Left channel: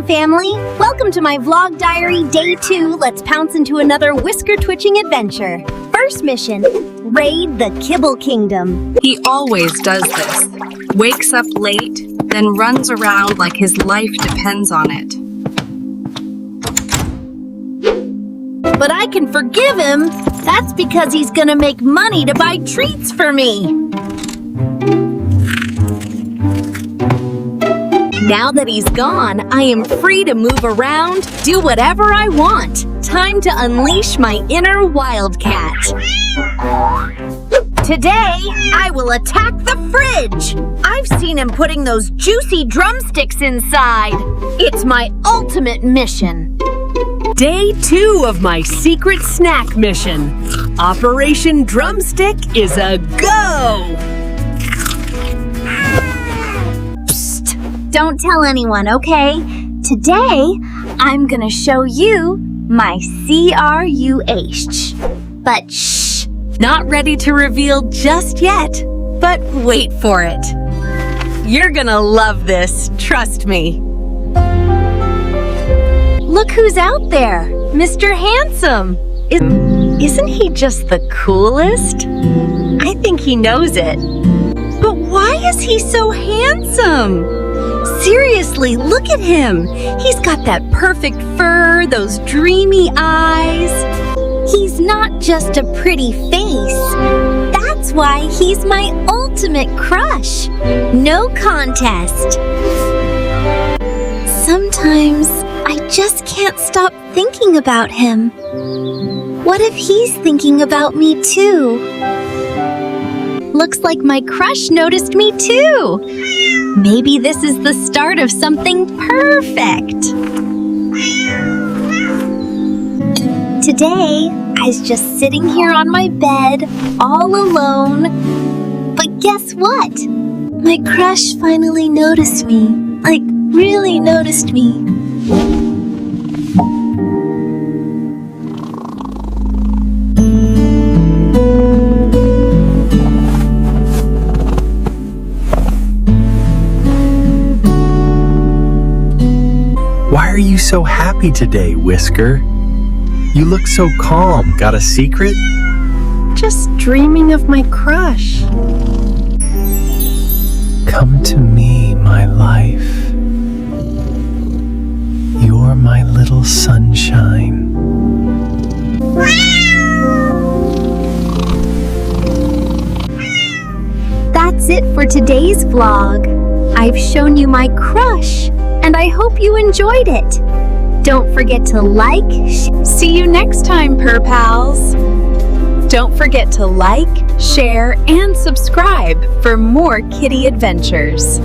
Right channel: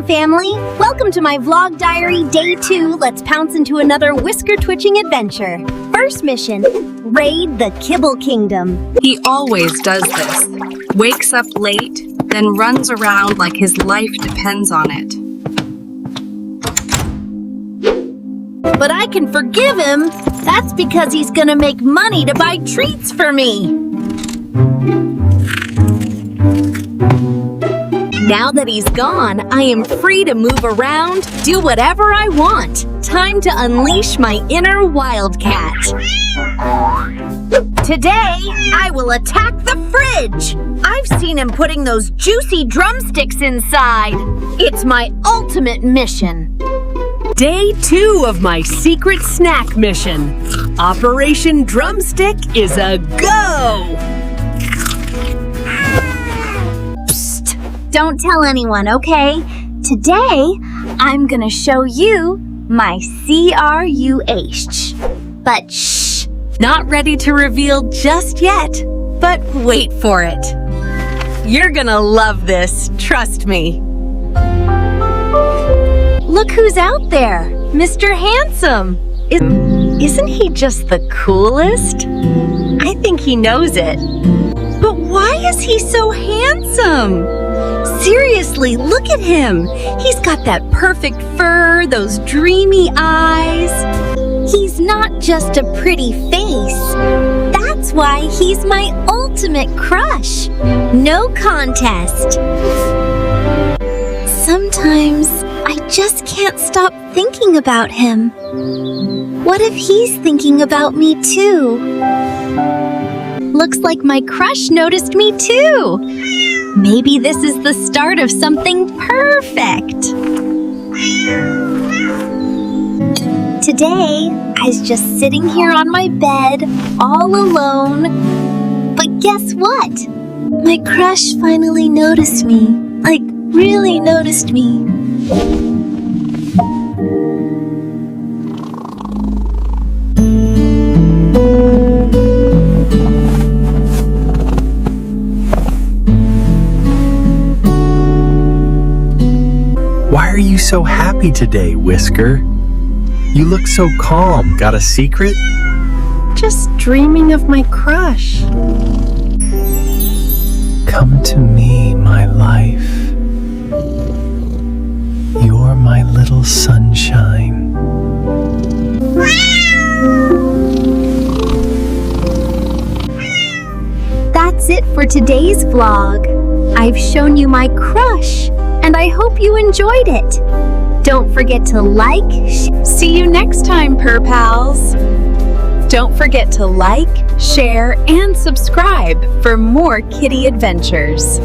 Handsome family! Welcome to my vlog diary, day 2. Let's pounce into another whisker-twitching adventure. First mission, raid the Kibble Kingdom. He always does this. Wakes up late, then runs around like his life depends on it. But I can forgive him. That's because he's gonna make money to buy treats for me. Now that he's gone, I am free to move around, do whatever I want. Time to unleash my inner wildcat. Today, I will attack the fridge. I've seen him putting those juicy drumsticks inside. It's my ultimate mission. Day 2 of my secret snack mission. Operation Drumstick is a go! Don't tell anyone, okay? Today, I'm gonna show you my CRUH. But shh, Not ready to reveal just yet, but wait for it. You're gonna love this, trust me. look who's out there, Mr. Handsome. Isn't he just the coolest? I think he knows it. But why is he so handsome? Seriously, look at him. He's got that perfect fur, those dreamy eyes. He's not just a pretty face. That's why he's my ultimate crush. No contest. Sometimes I just can't stop thinking about him. What if he's thinking about me too? Looks like my crush noticed me too. Maybe this is the start of something perfect. Today, I was just sitting here on my bed, all alone. But guess what? My crush finally noticed me. Like, really noticed me. Why are you so happy today, Whisker? You look so calm. Got a secret? Just dreaming of my crush. Come to me, my life. You're my little sunshine. That's it for today's vlog. I've shown you my crush, and I hope you enjoyed it. Don't forget to like. See you next time, Purr Pals. Don't forget to like, share, and subscribe for more kitty adventures.